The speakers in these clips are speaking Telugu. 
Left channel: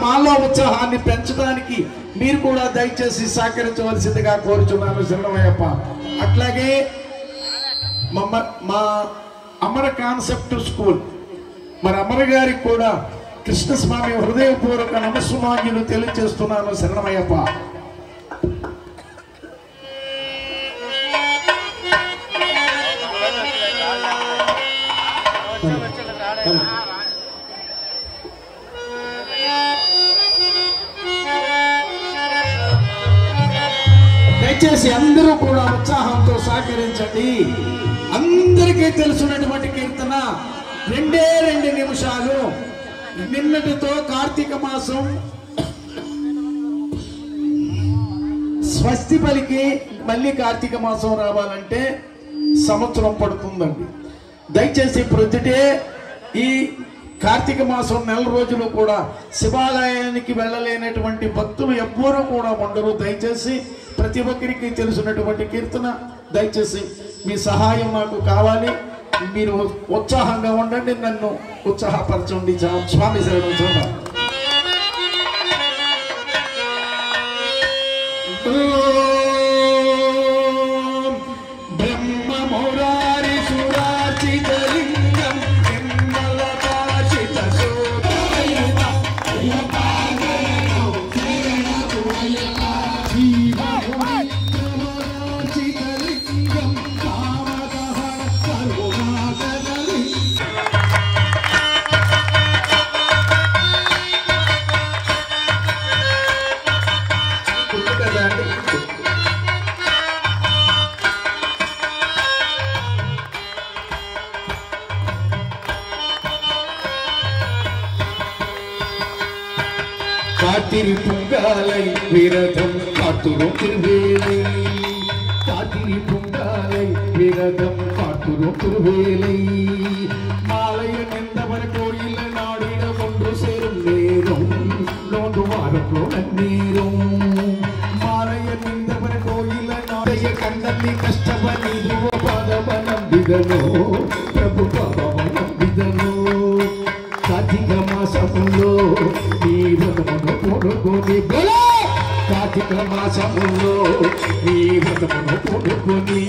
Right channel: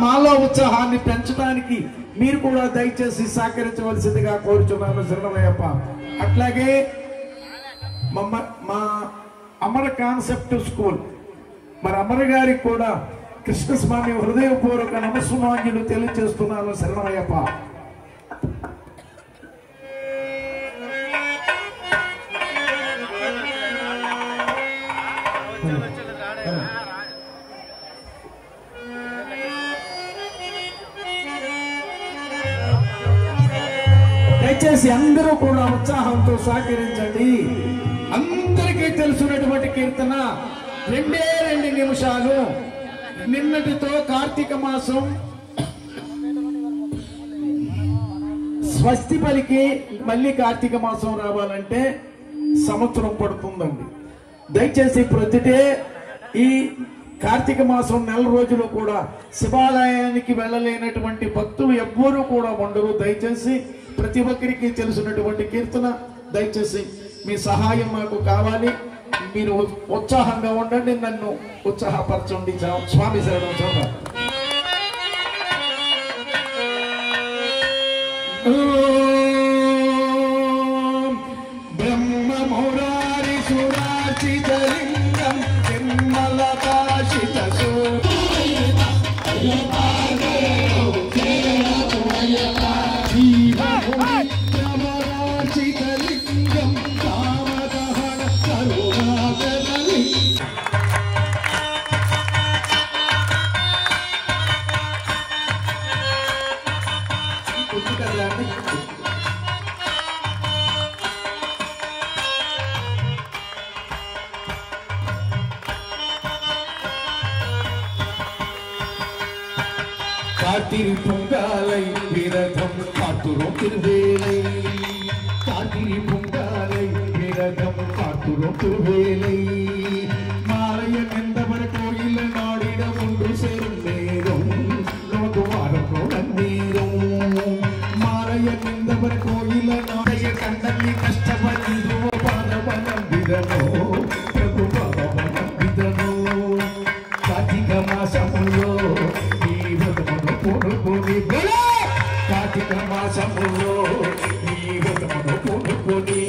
మాలో ఉత్సాహాన్ని పెంచడానికి మీరు కూడా దయచేసి సహకరించవలసిందిగా కోరుచున్నాను శరణమయ్యప్ప. అట్లాగే మా అమర కాన్సెప్ట్ స్కూల్ మరి అమర గారికి కూడా కృష్ణస్వామి హృదయపూర్వక నమస్సుమాంజలు తెలియజేస్తున్నాను శరణమయ్యప్ప. దయచేసి అందరూ కూడా ఉత్సాహంతో సహకరించండి. అందరికీ తెలుసున్నటువంటి కీర్తన 2 నిమిషాలు. నిన్నటితో కార్తీక మాసం స్వస్తి పలికి మళ్ళీ కార్తీక మాసం రావాలంటే సంవత్సరం పడుతుందండి. దయచేసి ప్రొద్దుటే ఈ కార్తీక మాసం 4 రోజులు కూడా శివాలయానికి వెళ్ళలేనటువంటి భక్తులు ఎవ్వరూ కూడా ఉండరు. దయచేసి ప్రతి ఒక్కరికి తెలుసున్నటువంటి కీర్తన దయచేసి మీ సహాయం నాకు కావాలి. మీరు ఉత్సాహంగా ఉండండి, నన్ను ఉత్సాహపరచండి. స్వామి శరణం. చూడండి. காத்திரி பொங்காலை விரதம் காத்துரும் திருவேலை, காத்திரி பொங்காலை விரதம் காத்துரும் திருவேலை. மாலையில் எந்தவர் கோயில் நாடிட ஒன்று சேரும் நேரம் நோது வாரத்தோட நேரம். மாலையில் எந்தவர் கோயில் நாடைய கண்ணல்லி கஷ்டப்படிதோ பாதவனம்பிதனோ பிரபு பாபவனம்பிதனோ. కార్తీక మాసములో నీ వ్రతమును పూనుకొని కార్తీక మాసములో నీ వ్రతమును పూనుకొని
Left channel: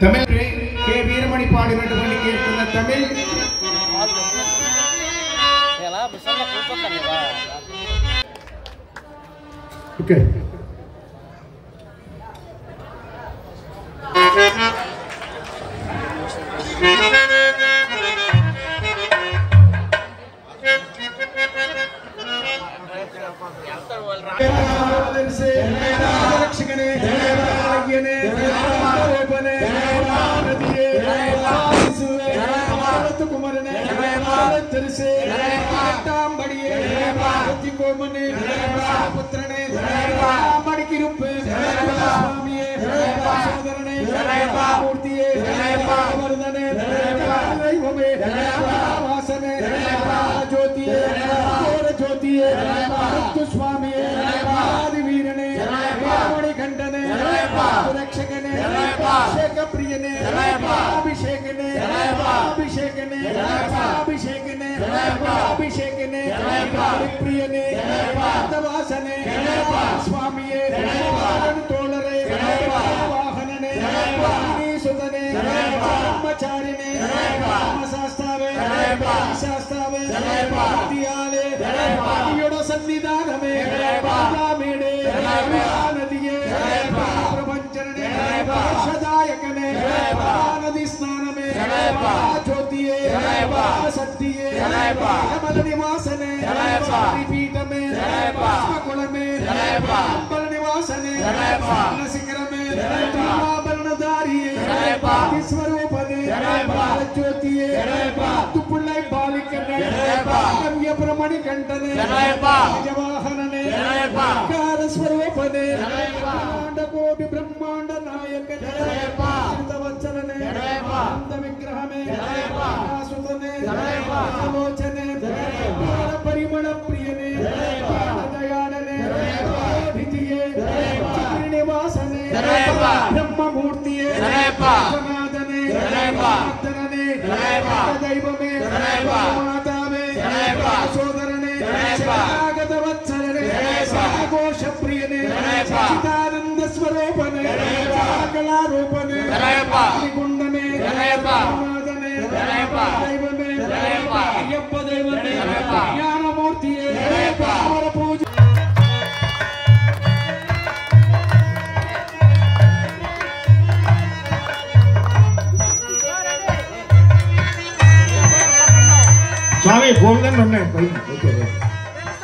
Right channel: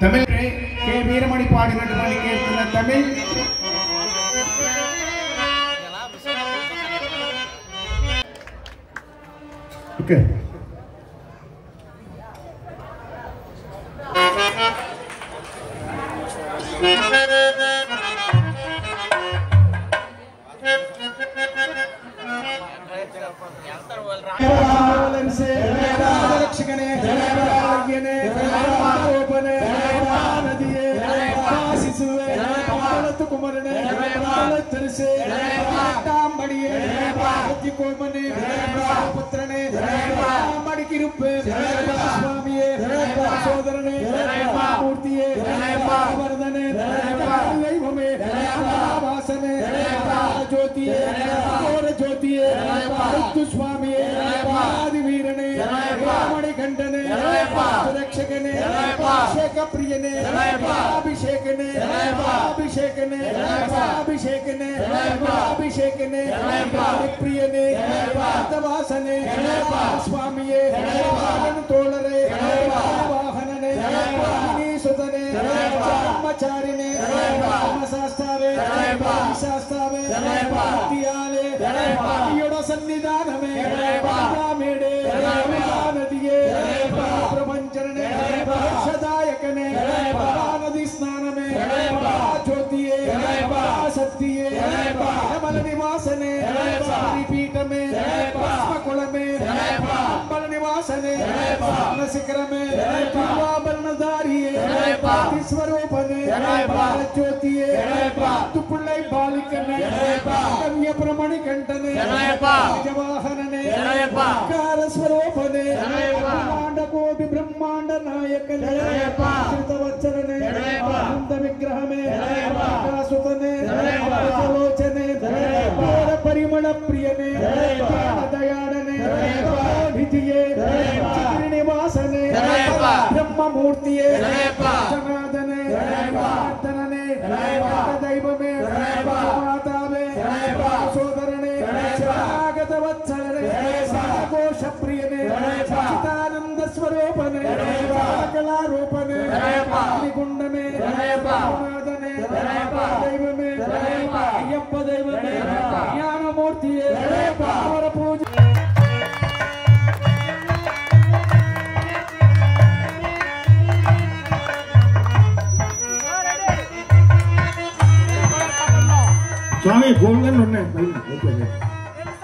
तमिल के वीरमणि पाडिनटुवंटि कीर्तन तमिल ओके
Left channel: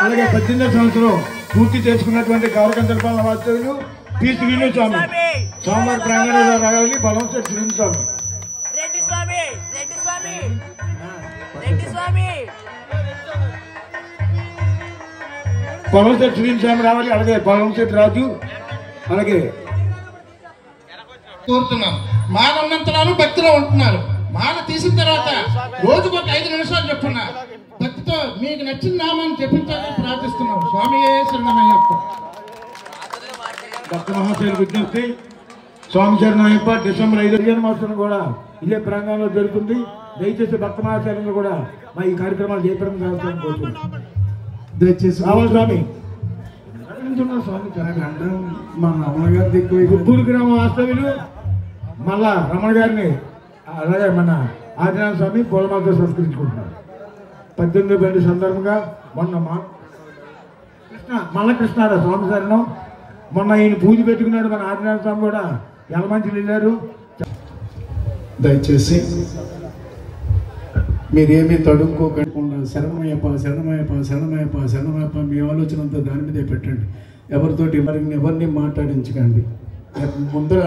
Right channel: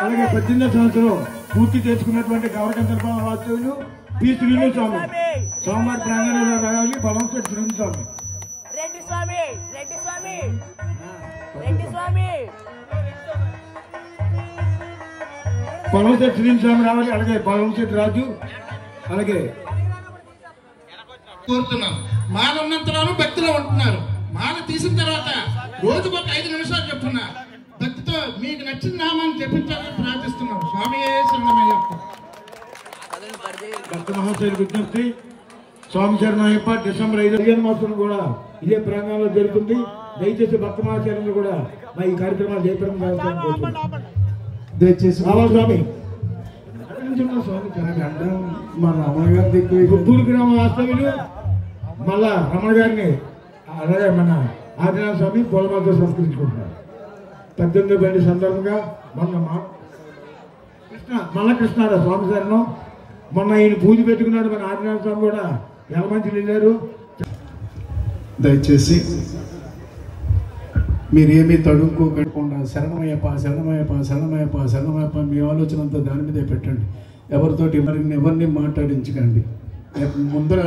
అలాగే 18వ సంవత్సరం పూర్తి చేసుకున్నటువంటి గౌరకంతరపాలన వాస్తవ్యులు పి శ్రీను స్వామి సోమవారం ప్రాంగణంలో రావాలి బలవంతుడు శ్రీను స్వామి బలవంతుడు శ్రీను స్వామి రావాలి. అలాగే బలవంతుడు రాజు అలాగే కోరుతున్నాం. మాన ఉన్నంతరాలు భక్తిలో ఉంటున్నారు. మాన తీసిన తర్వాత రోజుకు ఒక 5 నిమిషాలు చెప్పున్నా భక్తితో మీకు నచ్చిన నామాన్ని చెప్పించాలని ప్రార్థిస్తున్నాం. స్వామి శరణమయ్యప్ప. భక్త మహాశయులు విజ్ఞప్తి స్వామి శరణమయ్యప్ప. డిసెంబర్ 5 మహోత్సవం కూడా ఇదే ప్రాంగణంలో జరుగుతుంది. దయచేసి భక్త మహాశయులను కూడా మా ఈ కార్యక్రమాలు జయప్రదం జరుగుతాయని కోరుతున్నాం. దయచేసి రావాలి స్వామి స్వామి అడ్డం మా రమణ గారి దిక్కు గుంటూరు గ్రామ వాస్తవ్యులు మళ్ళా రమణ గారిని అలాగే మన ఆదినాథ స్వామి పూలమాలతో సంస్కరించుకుంటున్నారు. 18వ బండి సందర్భంగా మొన్న మల్ల కృష్ణారావు స్వామి శరణం మొన్న ఈయన పూజ పెట్టుకున్నాడు. మన ఆదినాథ స్వామి కూడా ఎలమంచి వెళ్ళారు. దయచేసి మీరేమీ తడుక్కోకుండా శరణమయ్యప్ప శరణమయ్యప్ప శరణమయ్యప్ప శరణమయ్యప్ప మీ ఆలోచన అంతా దాని మీదే పెట్టండి. ఎవరితోటి ఎవరిని మాట్లాడించకండి. ముందర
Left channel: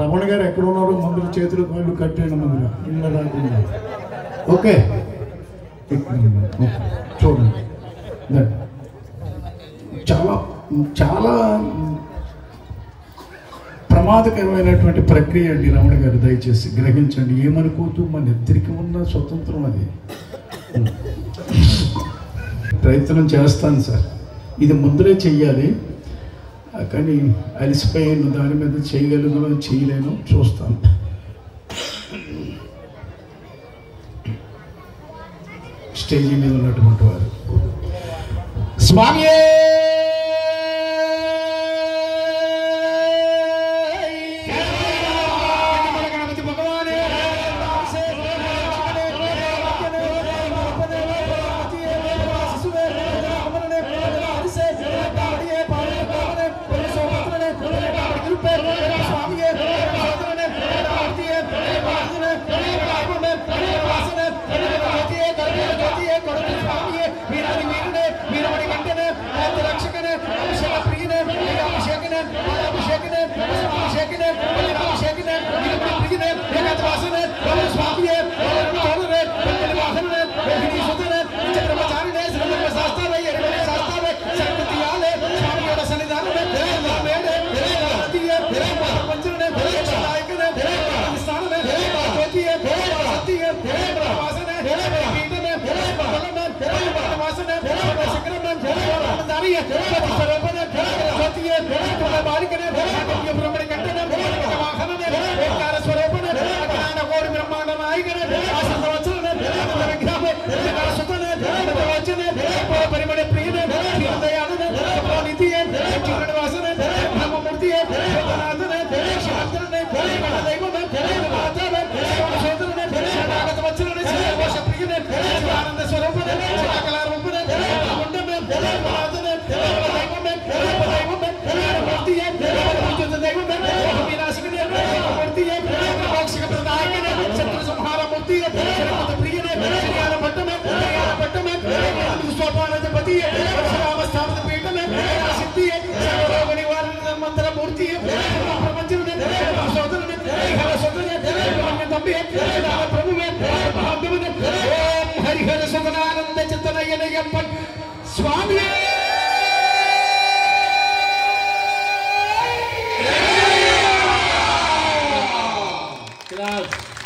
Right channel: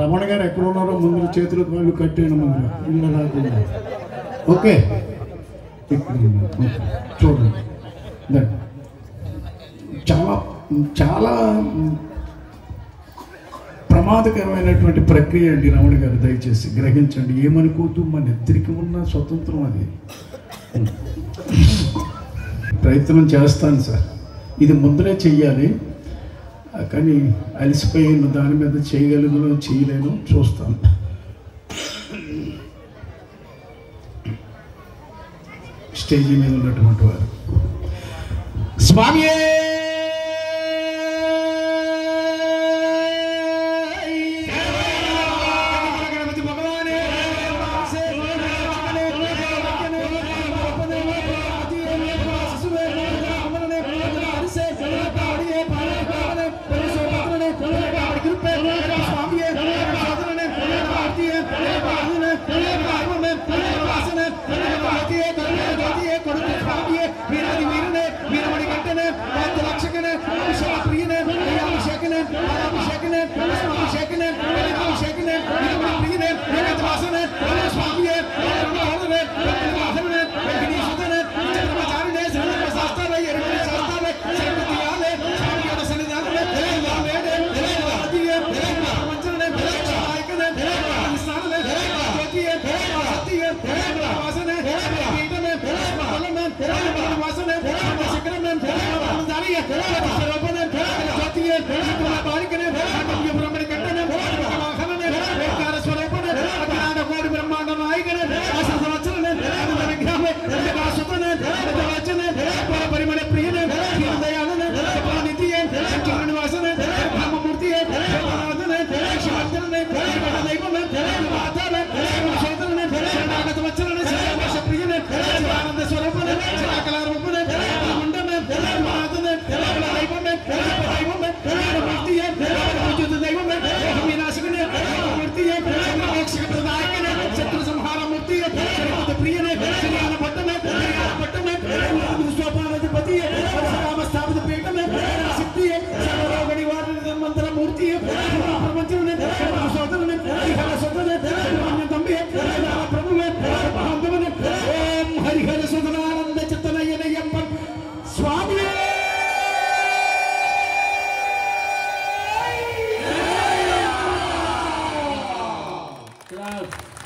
రమణ గారు ఎక్కడ ఉన్నారో ముందర చేతులు కాళ్ళు కట్టేయండి. ముందర ఇళ్ళ రాకుండా ఓకే చూడండి. చాలా చాలా ప్రమాదకరమైనటువంటి ప్రక్రియ అండి రమణ గారు. దయచేసి గ్రహించండి. ఏమనుకోవద్దు, మన ఇద్దరికి ఉన్న స్వతంత్రం అది. ప్రయత్నం చేస్తాను సార్. ఇది ముందరే చెయ్యాలి కానీ అలసిపోయిన దాని మీద చేయగలను చేయలేను చూస్తాను. స్టేజ్ మీద ఉన్నటువంటి వారు స్వామి Yeah.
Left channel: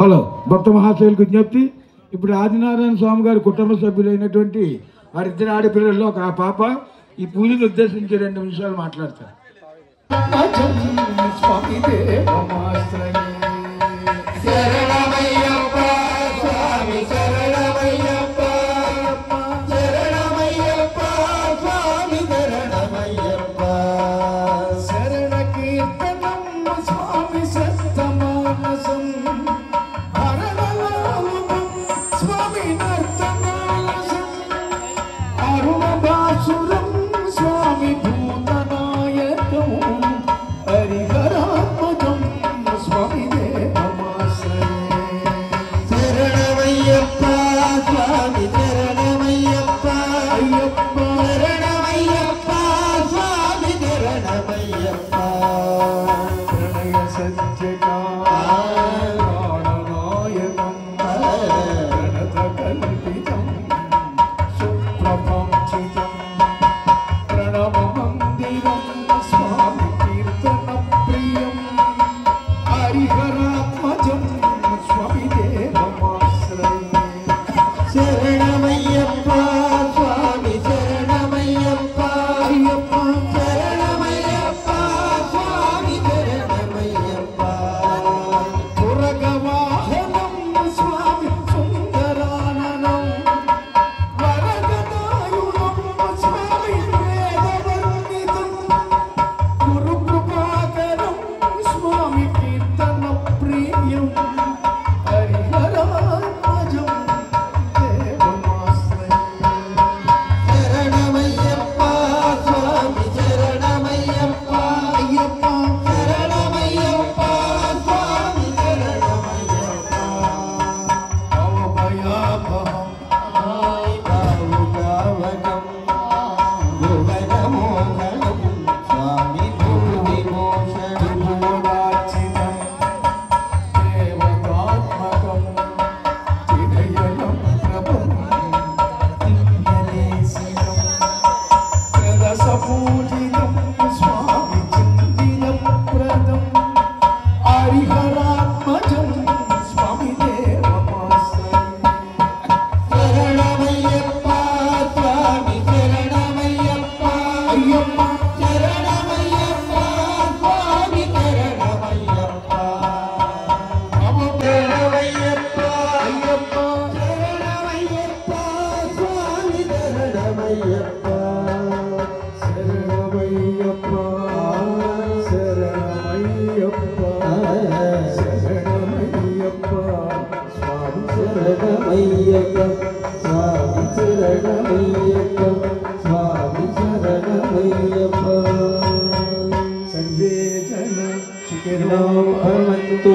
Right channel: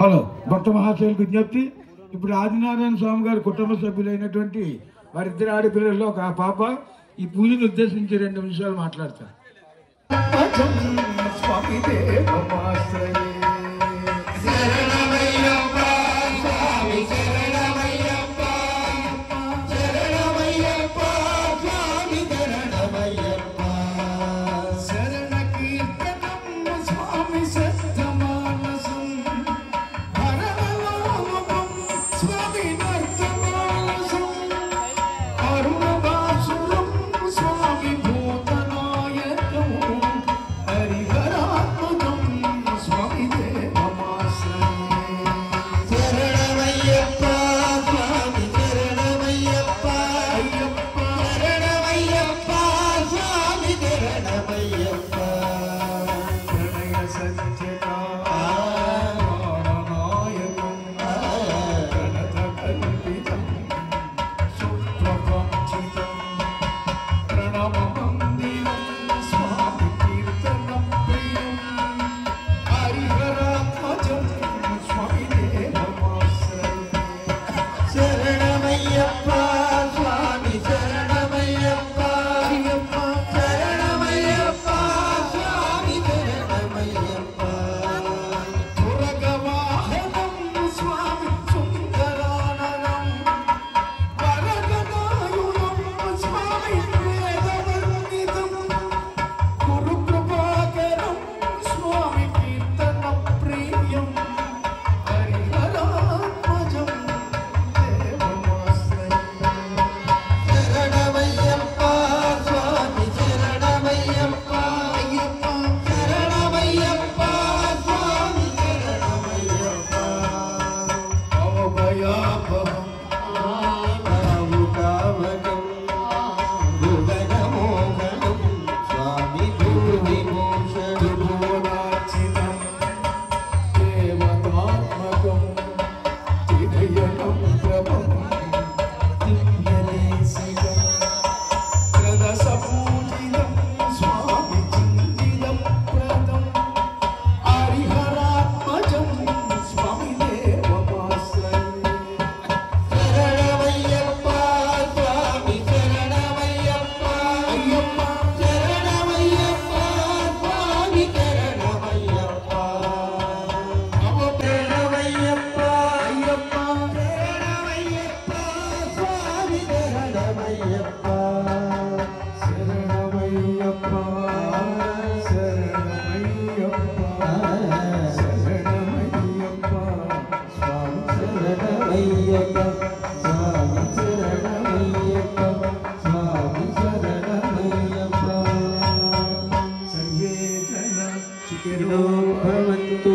హలో భక్త మహాశయులకు విజ్ఞప్తి. ఇప్పుడు ఆదినారాయణ స్వామి గారి కుటుంబ సభ్యులైనటువంటి వారిద్దరు ఆడపిల్లల్లో ఒక పాప ఈ పూజను ఉద్దేశించి 2 నిమిషాలు మాట్లాడతారు. Swami भवन्तु।